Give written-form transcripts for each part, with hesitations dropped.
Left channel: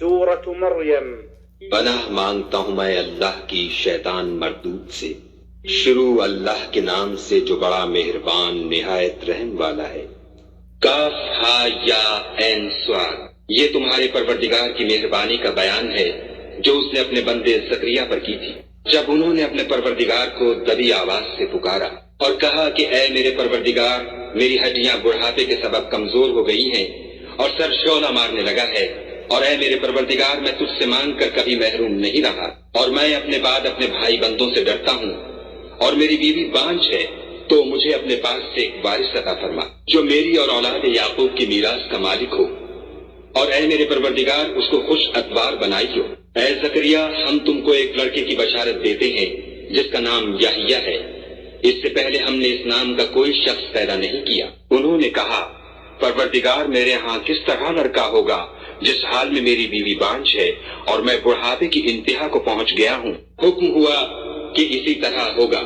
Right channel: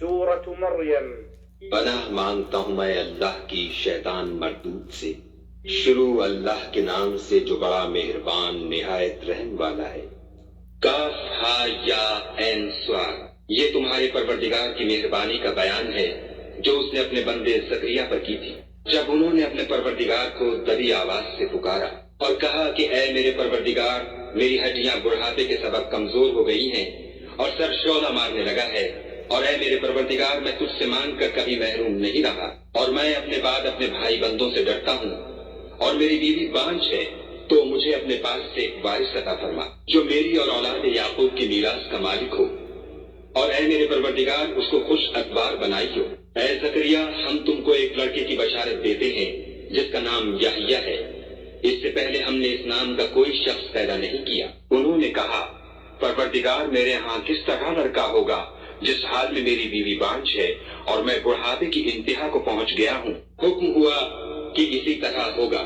سورة مریم۔ پناہ مانگتا ہوں میں اللہ کی شیطان مردود سے۔ شروع اللہ کے نام سے جو بڑا مہربان نہایت رحم والا ہے۔ کاف ہا یا عین صاد، یہ تمہارے پروردگار کی مہربانی کا بیان ہے جو اس نے اپنے بندے زکریا پر کی تھی جب انہوں نے اپنے پروردگار کو دبی آواز سے پکارا اور کہا کہ اے میرے پروردگار، میری ہڈیاں بڑھاپے کے سبب کمزور ہو گئی ہیں اور سر شعلہ مارنے لگا ہے، اور اے میرے پروردگار، میں تجھ سے مانگ کر کبھی محروم نہیں رہا، اور میں اپنے بعد اپنے بھائی بندوں سے ڈرتا ہوں، اور میری بیوی بانجھ ہے، تو مجھے اپنے پاس سے ایک وارث عطا فرما جو میری اور اولاد یعقوب کی میراث کا مالک ہو، اور اے میرے پروردگار اس کو خوش اتبار بنائیو۔ اے زکریا، ہم تم کو ایک لڑکے کی بشارت دیتے ہیں جس کا نام یحییٰ ہے، اس سے پہلے ہم نے اس نام کا کوئی شخص پیدا نہیں کیا۔ انہوں نے کہا، پروردگار، میرے ہاں کس طرح لڑکا ہوگا جس حال میں میری بیوی بانجھ ہے اور میں بڑھاپے کی انتہا کو پہنچ گیا ہوں؟ حکم ہوا کہ اسی طرح ہوگا۔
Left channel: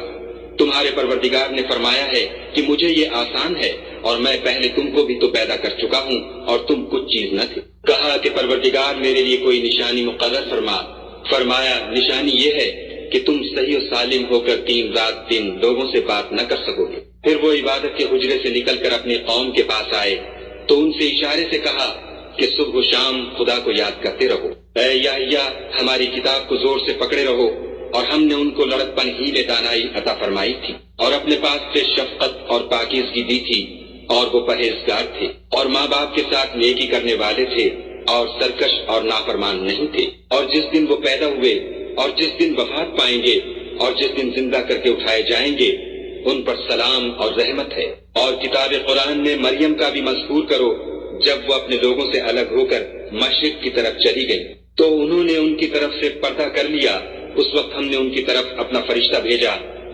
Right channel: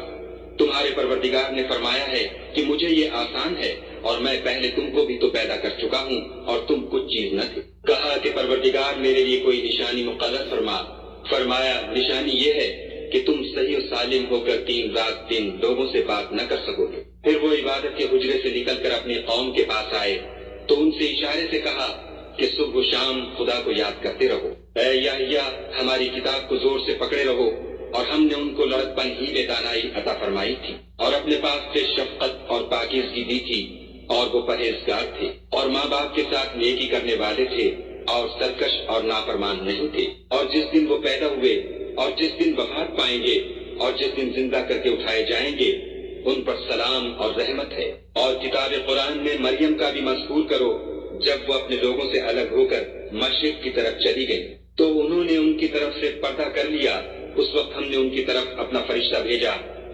تمہارے پروردگار نے فرمایا ہے کہ مجھے یہ آسان ہے، اور میں پہلے تم کو بھی تو پیدا کر چکا ہوں اور تم کچھ چیز نہ تھے۔ کہا کہ پروردگار میرے لیے کوئی نشانی مقرر فرما۔ فرمایا، نشانی یہ ہے کہ تم صحیح و سالم ہو کر 3 رات دن لوگوں سے بات نہ کر سکو گے۔ پھر وہ عبادت کے حجرے سے نکل کر اپنی قوم کے پاس آئے تو ان سے اشارے سے کہا کہ صبح و شام خدا کو یاد کرتے رہو۔ اے یحییٰ، ہماری کتاب کو زور سے پکڑے رہو، اور ہم نے ان کو لڑکپن ہی میں دانائی عطا فرمائی تھی اور اپنے پاس سے شفقت اور پاکیزگی دی تھی، اور وہ پرہیزگار تھے اور ماں باپ کے ساتھ نیکی کرنے والے تھے اور سرکش اور نافرمان نہیں تھے۔ اور جس دن وہ پیدا ہوئے اور جس دن وفات پائیں گے اور جس دن زندہ کر کے اٹھائے جائیں گے، ان پر سلام اور رحمت ہے۔ اور کتاب قرآن میں مریم کا بھی مذکور کرو، جب وہ اپنے لوگوں سے الگ ہو کر مشرق کی طرف چلی گئی تو انہوں نے ان کی طرف سے پردہ کر لیا۔ اس وقت ہم نے ان کی طرف اپنا فرشتہ بھیجا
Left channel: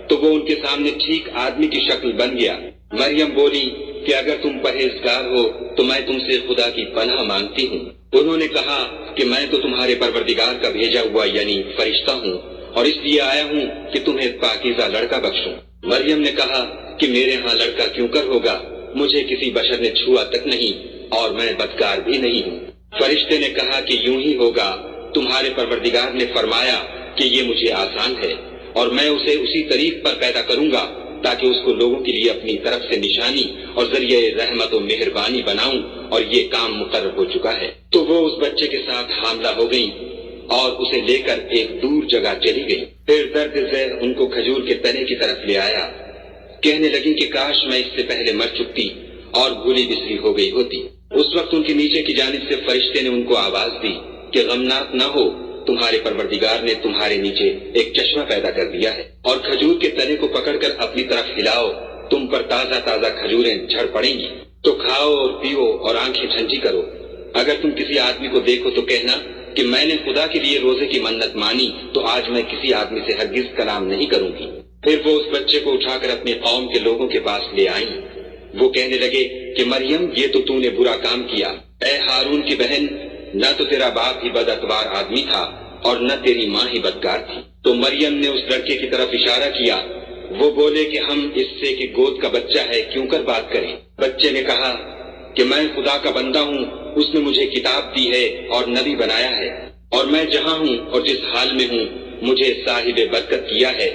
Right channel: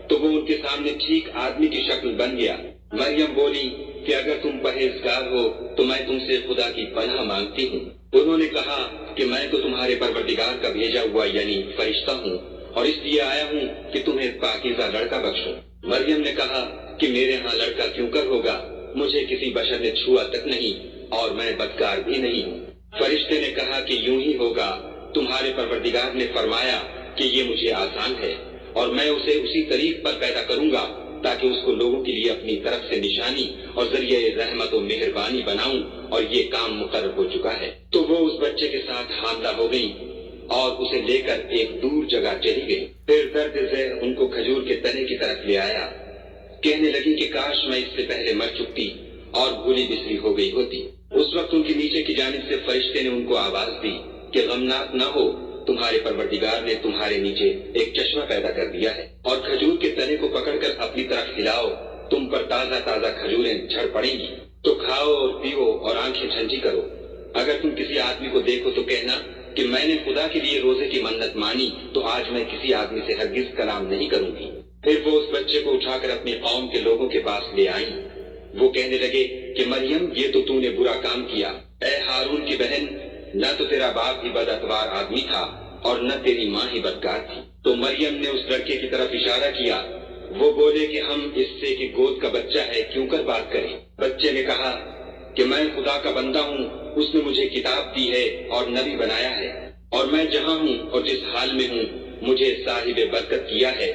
تو وہ ان کے سامنے ٹھیک آدمی کی شکل بن گیا۔ مریم بولی کہ اگر تم پرہیزگار ہو تو میں تم سے خدا کی پناہ مانگتی ہوں۔ انہوں نے کہا کہ میں تو تمہارے پروردگار کا بھیجا ہوا یعنی فرشتہ ہوں، اور اس لیے آیا ہوں کہ تمہیں پاکیزہ لڑکا بخشوں۔ مریم نے کہا کہ میرے ہاں لڑکا کیوں کر ہوگا، مجھے کسی بشر نے چھوا تک نہیں اور میں بدکار بھی نہیں ہوں۔ فرشتے نے کہا کہ یوں ہی ہوگا، تمہارے پروردگار نے فرمایا کہ یہ مجھے آسان ہے، اور میں اسے اسی طریق پر پیدا کروں گا تاکہ اس کو لوگوں کے لیے اپنی طرف سے نشانی اور ذریعہ رحمت و مہربانی بناؤں، اور یہ کام مقرر ہو چکا ہے۔ تو وہ اس بچے کے ساتھ حاملہ ہو گئی اور اسے لے کر ایک دور جگہ چلی گئی۔ پھر درد ذیل ان کو کھجور کے تنے کی طرف لے آیا، کہنے لگی کہ کاش میں اس سے پہلے مر چکتی اور بھولی بسری ہو گئی ہوتی۔ اس وقت ان کے نیچے کی جانب سے فرشتے نے ان کو آواز دی کہ غمناک نہ ہو، تمہارے پروردگار نے تمہارے نیچے ایک چشمہ پیدا کر دیا ہے، اور کھجور کے تنے کو پکڑ کر اپنی طرف ہلاؤ، تم پر تازہ تازہ کھجوریں جھڑ پڑیں گی، تو کھاؤ اور پیو اور آنکھیں ٹھنڈی کرو۔ اگر تم کسی آدمی کو دیکھو تو کہنا کہ میں نے خدا کے لیے روزے کی منت مانی، تو آج میں کسی آدمی سے ہرگز کلام نہیں کروں گی۔ پھر وہ اس بچے کو اٹھا کر اپنی قوم کے لوگوں کے پاس لے آئیں۔ وہ کہنے لگے کہ مریم، یہ تو نے برا کام کیا۔ اے ہارون کی بہن، نہ تو تیرا باپ ہی بد اتبار آدمی تھا اور نہ تیری ماں ہی بدکار تھی۔ تو مریم نے اس لڑکے کی طرف اشارہ کیا۔ وہ بولے کہ ہم اس سے کہ گود کا بچہ ہے کیوں کر بات کریں۔ بچے نے کہا کہ میں خدا کا بندہ ہوں، اس نے مجھے کتاب دی ہے اور نبی بنایا ہے، اور میں جہاں ہوں اور جس حال میں ہوں مجھے صاحب برکت کیا ہے،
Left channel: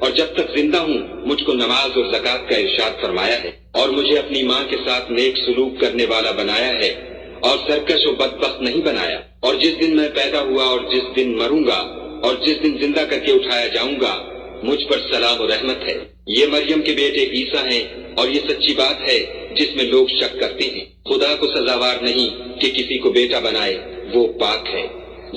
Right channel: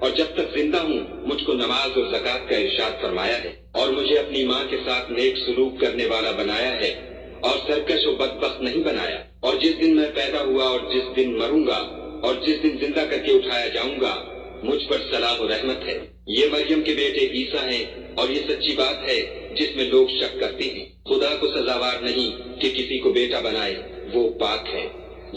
اور جب تک زندہ ہوں مجھ کو نماز اور زکوٰۃ کا ارشاد فرمایا ہے، اور مجھے اپنی ماں کے ساتھ نیک سلوک کرنے والا بنایا ہے اور سرکش و بدبخت نہیں بنایا۔ اور جس دن میں پیدا ہوا اور جس دن مروں گا اور جس دن زندہ کر کے اٹھایا جاؤں گا، مجھ پر سلام و رحمت ہے۔ یہ مریم کے بیٹے عیسیٰ ہیں، اور یہ سچی بات ہے جس میں لوگ شک کرتے ہیں۔ خدا کو سزاوار نہیں کہ کسی کو بیٹا بنائے، وہ پاک ہے۔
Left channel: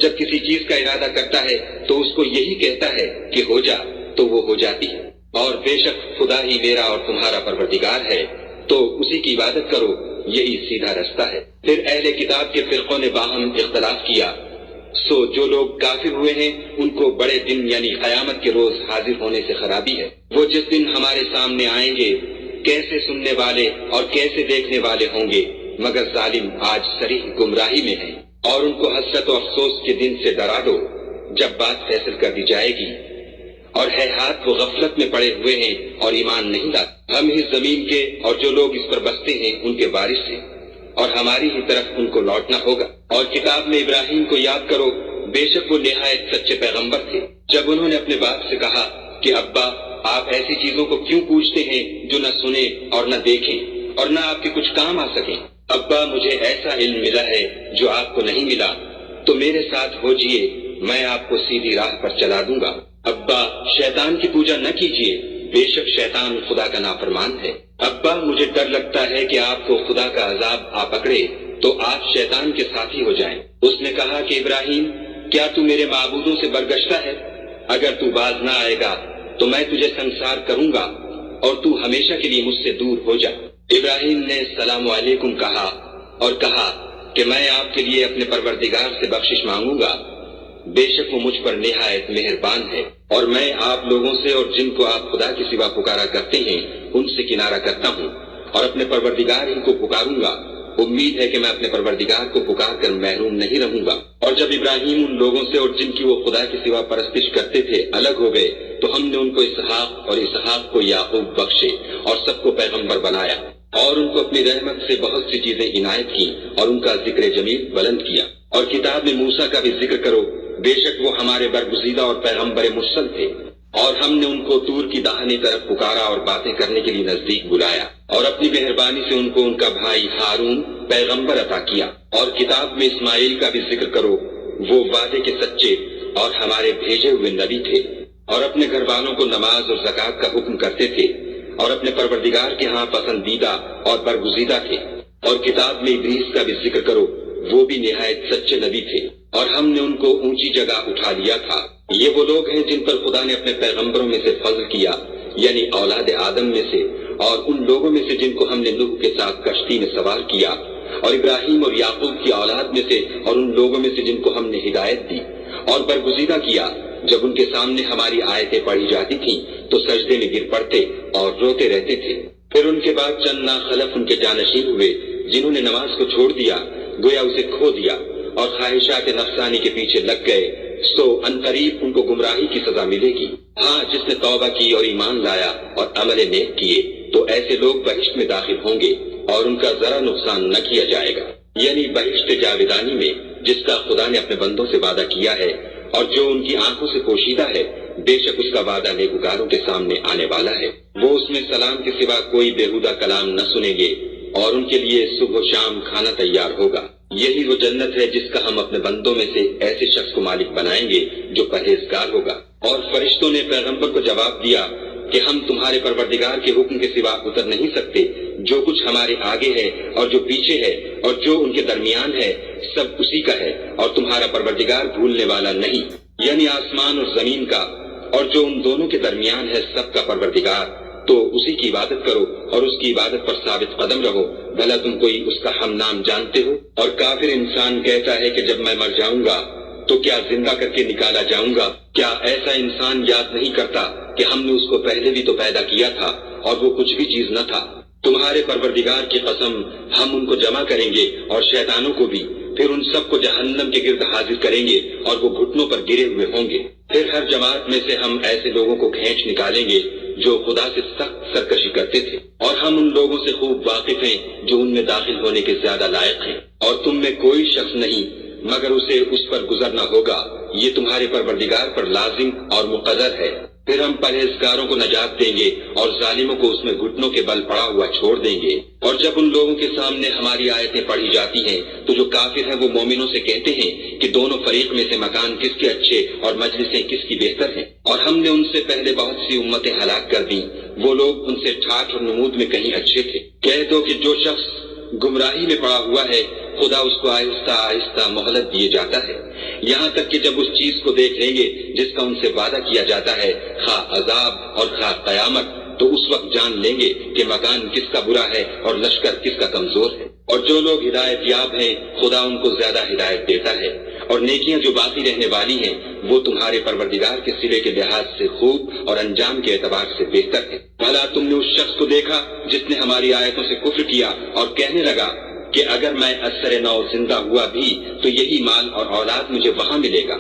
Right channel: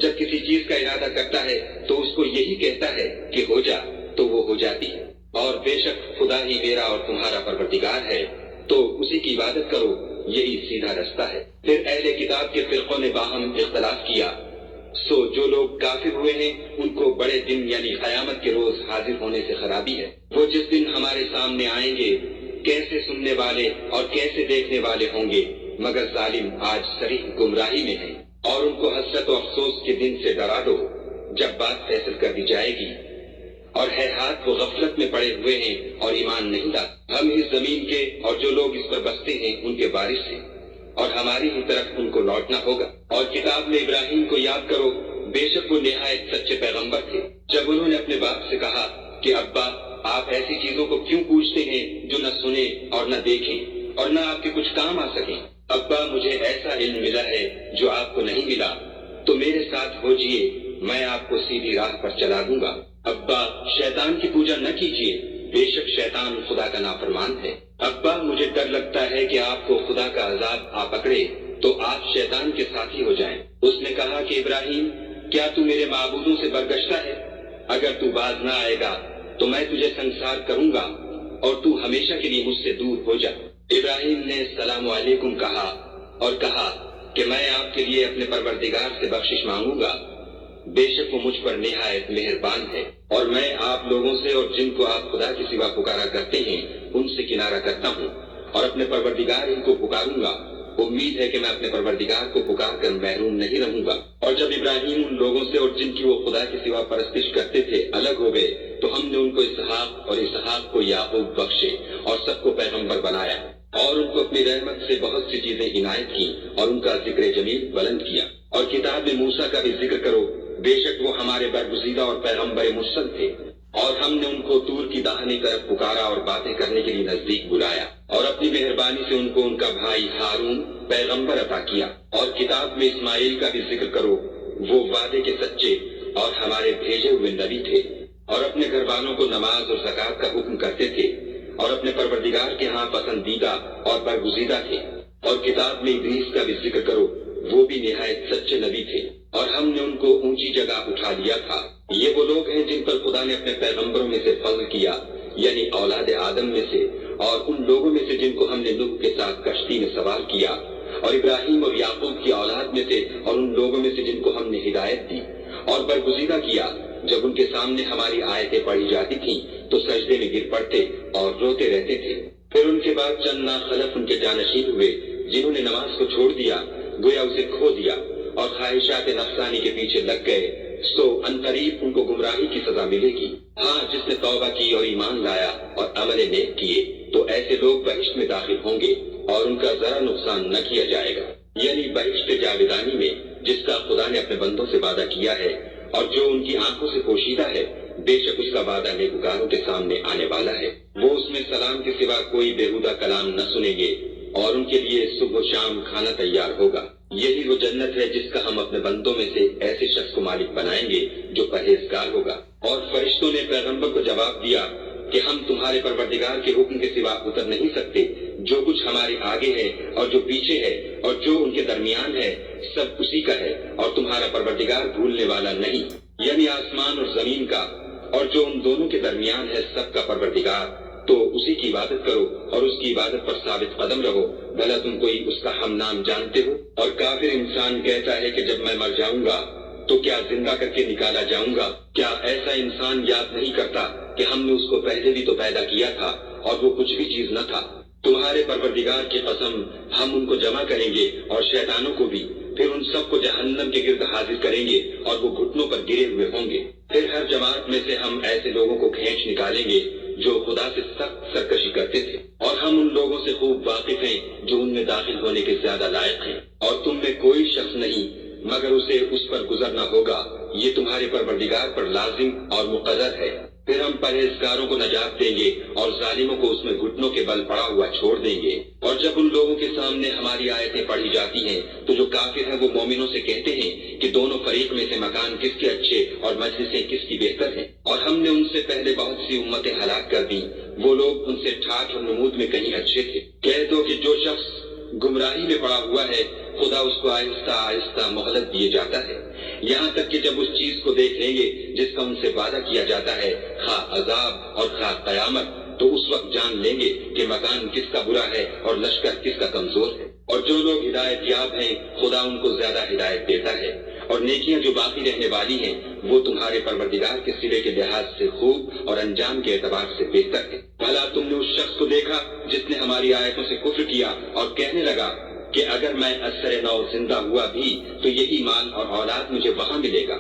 جب کسی چیز کا ارادہ کرتا ہے تو اس کو یہی کہتا ہے کہ ہو جا، تو وہ ہو جاتی ہے۔ اور بے شک خدا ہی میرا اور تمہارا پروردگار ہے، تو اسی کی عبادت کرو، یہی سیدھا رستہ ہے۔ پھر اہل کتاب کے فرقوں نے باہم اختلاف کیا، سو جو لوگ کافر ہوئے ہیں ان کو بڑے دن یعنی قیامت کے روز حاضر ہونے سے خرابی ہے۔ وہ جس دن ہمارے سامنے آئیں گے کیسے سننے والے اور کیسے دیکھنے والے ہوں گے، مگر ظالم آج صریح گمراہی میں ہیں۔ اور ان کو حسرت و افسوس کے دن سے ڈرا دو جب بات فیصل کر دی جائے گی، اور ہے ہاتھ وہ غفلت میں پڑے ہوئے ہیں اور ایمان نہیں لاتے۔ ہم ہی زمین کے اور جو لوگ اس پر بستے ہیں ان کے وارث ہیں، اور ہماری ہی طرف ان کو لوٹنا ہوگا۔ اور کتاب میں ابراہیم کو یاد کرو، بے شک وہ نہایت سچے پیغمبر تھے۔ جب انہوں نے اپنے باپ سے کہا کہ ابا آپ ایسی چیزوں کو کیوں پوچھتے ہیں جو نہ سنیں اور نہ دیکھیں اور نہ آپ کے کچھ کام آ سکیں؟ ابا مجھے ایسا علم ملا ہے جو آپ کو نہیں ملا، تو میرے ساتھ ہو جائیے، میں آپ کو سیدھی راہ پر چلا دوں گا۔ ابا شیطان کی پوجا نہ کیجیے، بے شک شیطان خدا کا نافرمان ہے۔ ابا مجھے ڈر لگتا ہے کہ آپ کو خدا کا عذاب آ پکڑے تو آپ شیطان کے ساتھی ہو جائیں۔ اس نے کہا کہ ابراہیم کیا تو میرے معبودوں سے برگشتہ ہے؟ اگر تو باز نہ آئے گا تو میں تجھے سنسار کروں گا اور تو ہمیشہ کے لیے مجھ سے دور ہو جا۔ ابراہیم نے السلام علیکم کہا اور کہا کہ میں آپ کے لیے اپنے پروردگار سے بخشش مانگوں گا، بے شک وہ مجھ پر نہایت مہربان ہے، اور میں آپ لوگوں سے اور جن کو آپ خدا کے سوا پکارا کرتے ہیں ان سے کنارہ کرتا ہوں اور اپنے پروردگار ہی کو پکاروں گا۔ امید ہے کہ میں اپنے پروردگار کو پکار کر محروم نہیں رہوں گا۔ اور جب ابراہیم ان لوگوں سے اور جن کی وہ خدا کے سوا پرستش کرتے تھے الگ ہو گئے تو ہم نے ان کو اسحاق اور اسحاق کو یعقوب بخشے اور سب کو پیغمبر بنایا اور ان کو اپنی رحمت سے بہت سی چیزیں عنایت کی اور ان کا ذکر جمیل بلند کیا۔ اور کتاب میں موسیٰ کا بھی ذکر کرو، بے شک وہ ہمارے برگزیدہ اور پیغمبر مرسل تھے، اور ہم نے ان کو طور کی داہنی طرف پکارا اور باتیں کرنے کے لیے نزدیک بلایا، اور اپنی مہربانی سے ان کو ان کا بھائی ہارون پیغمبر عطا کیا۔ اور کتاب میں اسماعیل کا بھی ذکر کرو، وہ وعدے کے سچے اور ہمارے بھیجے ہوئے نبی تھے، اور اپنے گھر والوں کو نماز اور زکوٰۃ کا حکم کرتے تھے، اور اپنے پروردگار کے ہاں پسندیدہ اور برگزیدہ تھے۔ اور کتاب میں ادریس کا بھی ذکر کرو، وہ بھی نہایت سچے نبی تھے، اور ہم نے ان کو اونچی جگہ اٹھا لیا تھا۔ یہ وہ لوگ ہیں جن پر خدا نے اپنے پیغمبروں میں سے فضل کیا، یعنی اولاد آدم میں سے، اور ان لوگوں میں سے جن کو ہم نے نوح کے ساتھ کشتی میں سوار کیا، اور ابراہیم اور یعقوب کی اولاد میں سے، اور ان لوگوں میں سے جن کو ہم نے ہدایت دی اور برگزیدہ کیا۔ جب ان کے سامنے ہماری آیتیں پڑھی جاتی تھیں تو سجدے میں گر پڑتے اور روتے رہتے تھے۔ پھر ان کے بعد چند ناخلف ان کے جانشین ہوئے جنہوں نے نماز کو چھوڑ دیا، گویا اسے کھو دیا، اور خواہشات نفسانی کے پیچھے لگ گئے، تو عنقریب ان کو گمراہی کی سزا ملے گی۔ ہاں، جس نے توبہ کی اور ایمان لایا اور عمل نیک کیے تو ایسے لوگ بہشت میں داخل ہوں گے اور ان کا ذرا نقصان نہ کیا جائے گا، یعنی بہشت جاودانی میں جس کا خدا نے اپنے بندوں سے وعدہ کیا ہے اور جو ان کی آنکھوں سے پوشیدہ ہے، بے شک اس کا وعدہ نیکوکاروں کے سامنے آنے والا ہے۔ وہ اس میں سلام کے سوا کوئی بےہودہ کلام نہ سنیں گے، اور ان کے لیے صبح و شام کھانا تیار ہوگا۔ یہی وہ جنت ہے جس کا ہم اپنے بندوں میں سے ایسے شخص کو مالک بنائیں گے جو پرہیزگار ہوگا۔ اور فرشتوں نے پیغمبر کو جواب دیا کہ ہم تمہارے پروردگار کے حکم کے سوا اتر نہیں سکتے، جو کچھ ہمارے آگے ہے اور جو پیچھے ہے اور جو ان کے درمیان ہے سب اسی کا ہے، اور تمہارا پروردگار بھولنے والا نہیں، یعنی آسمان اور زمین کا اور جو ان دونوں کے درمیان ہے سب کا پروردگار۔ تو اسی کی عبادت کرو اور اس کی عبادت پر ثابت قدم رہو، بھلا تم کوئی اس کا ہم نام جانتے ہو؟ اور کافر انسان کہتا ہے کہ جب میں مر جاؤں گا تو کیا زندہ کر کے نکالا جاؤں گا؟ کیا ایسا انسان یاد نہیں کرتا کہ ہم نے اس کو پہلے بھی تو پیدا کیا تھا اور وہ کچھ بھی چیز نہ تھا؟ تمہارے پروردگار کی قسم، ہم ان کو جمع کریں گے اور شیطانوں کو بھی، پھر ان سب کو جہنم کے گرد حاضر کریں گے اور وہ گھٹنوں پر گرے ہوئے ہوں گے۔ پھر ہر جماعت میں سے ہم ایسے لوگوں کو کھینچ نکالیں گے جو خدا سے سخت سرکشی کرتے تھے، اور ہم ان لوگوں سے خوب واقف ہیں جو ان میں داخل ہونے کے زیادہ لائق ہیں، اور تم میں کوئی شخص نہیں مگر اسے اس پر گزرنا ہوگا، یہ تمہارے پروردگار پر لازم اور مقرر ہے۔ پھر ہم پرہیزگاروں کو نجات دیں گے اور ظالموں کو اس میں گھٹنوں کے بل پڑا ہوا چھوڑ دیں گے۔ اور جب ان لوگوں کے سامنے ہماری آیتیں پڑھی جاتی ہیں تو جو کافر ہیں وہ مومنوں سے کہتے ہیں کہ دونوں فریق میں سے مکان کس کے اچھے اور مجلسیں کس کی بہتر ہیں، اور ہم نے ان سے پہلے بہت سی امتیں ہلاک کر دیں، وہ لوگ ان سے ٹھاٹھ اور نمود میں کہیں اچھے تھے۔ کہہ دو کہ جو شخص گمراہی میں پڑا ہوا ہے خدا اس کو آہستہ آہستہ مہلت دیے جاتا ہے، یہاں تک کہ جب اس چیز کو دیکھ لیں گے جس کا ان سے وعدہ کیا جاتا ہے، خواہ عذاب اور خواہ قیامت، تو اس وقت جان لیں گے کہ مکان کس کا برا ہے اور لشکر کس کا کمزور ہے۔ اور جو لوگ ہدایت یاب ہیں خدا ان کو زیادہ ہدایت دیتا ہے، اور نیکیاں جو باقی رہنے والی ہیں وہ تمہارے پروردگار کے سرے کے لحاظ سے خوب اور انجام کے اعتبار سے بہتر ہے۔ بھلا تم نے اس شخص کو دیکھا جس نے ہماری آیتوں سے کفر کیا اور کہنے لگا کہ اگر میں اثر نو زندہ ہوا بھی تو یہی مال اور اولاد مجھے وہاں ملے گا؟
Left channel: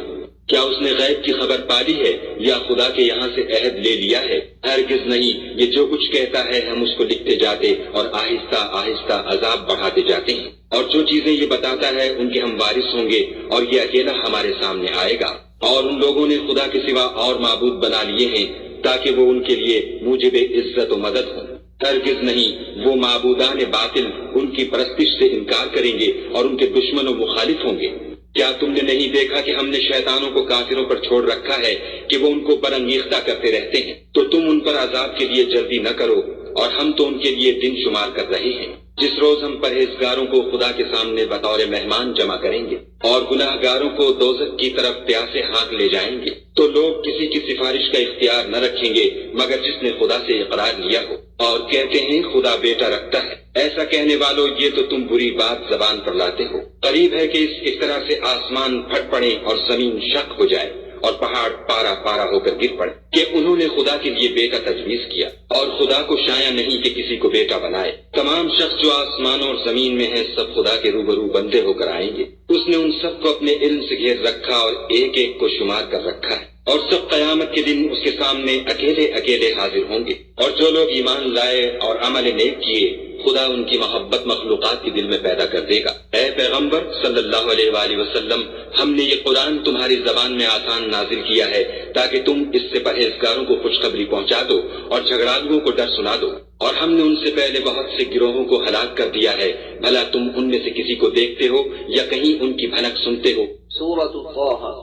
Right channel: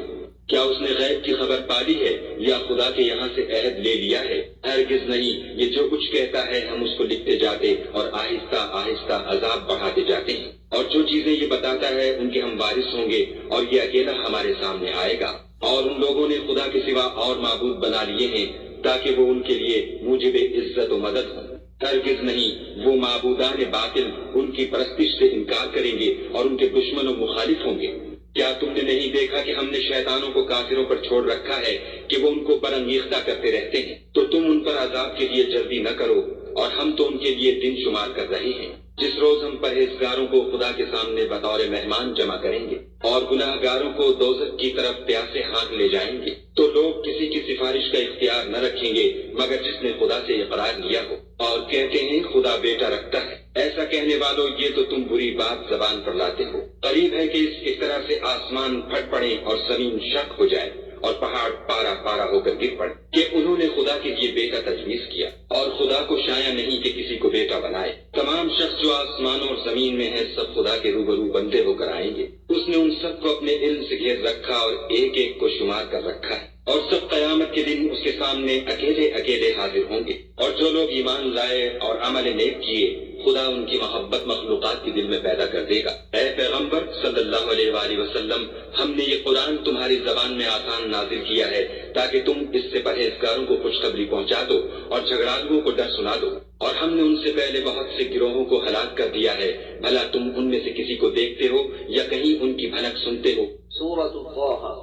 کیا اس نے غیب کی خبر پالی ہے یا خدا کے یہاں سے عہد لے لیا ہے؟ ہرگز نہیں، یہ جو کچھ کہتا ہے ہم اس کو لکھتے جاتے اور آہستہ آہستہ عذاب بڑھاتے جاتے ہیں، اور جو چیزیں یہ بتاتا ہے ان کے ہم وارث ہوں گے، اور یہ اکیلا ہمارے سامنے آئے گا۔ اور ان لوگوں نے خدا کے سوا اور معبود بنا لیے ہیں تاکہ وہ ان کے لیے موجب عزت و مدد ہوں۔ ہرگز نہیں، وہ معبودان باطل ان کی پرستش سے انکار کریں گے اور ان کے دشمن و مخالف ہوں گے۔ کیا تم نے نہیں دیکھا کہ ہم نے شیطانوں کو کافروں پر چھوڑ رکھا ہے کہ وہ ان کو برانگیختہ کرتے رہتے ہیں؟ تو تم ان پر عذاب کے لیے جلدی نہ کرو، اور ہم تو ان کے لیے دن شمار کر رہے ہیں، جس روز ہم پرہیزگاروں کو خدا کے سامنے بطور مہمان جمع کریں گے اور گناہ گاروں کو دوزخ کی طرف پیاسے ہاتھ لے جائیں گے۔ تو لوگ کسی کی سفارش کا اختیار نہ رکھیں گے مگر جس نے خدا سے اقرار لیا ہو، اور کہتے ہیں خدا بیٹا رکھتا ہے۔ ایسا کہنے والوں، یہ تو تم بری بات زبان پر لاتے ہو۔ قریب ہے کہ اس طرح سے آسمان پھٹ پڑے اور زمین شق ہو جائے اور پہاڑ پارا پارا ہو کر گر پڑے کہ انہوں نے خدا کے لیے بیٹا تجویز کیا، اور خدا کو شایع نہیں کہ کسی کو بیٹا بنائے۔ تمام شخص جو آسمان اور زمین میں ہیں سب خدا کے روبرو بندے ہو کر آئیں گے۔ اس نے ان سب کو اپنے علم سے گھیر رکھا اور ایک ایک کو شمار کر رکھا ہے، اور سب قیامت کے دن اس کے سامنے اکیلے اکیلے حاضر ہوں گے۔ اور جو لوگ ایمان لائے اور عمل نیک کیے، خدا ان کی محبت مخلوقات کے دل میں پیدا کر دے گا۔ اے پیغمبر صلی اللہ علیہ وآلہ وسلم، ہم نے یہ قرآن تمہاری زبان میں آسان نازل کیا ہے تاکہ تم اس سے پرہیزگاروں کو خوشخبری پہنچا دو اور جھگڑالوؤں کو ڈر سنا دو۔ اور ہم نے ان سے پہلے بہت سے گروہوں کو ہلاک کر دیا ہے، بھلا تم ان میں سے کسی کو دیکھتے ہو یا کہیں ان کی بھنک سنتے ہو؟ سورۃ طٰہٰ۔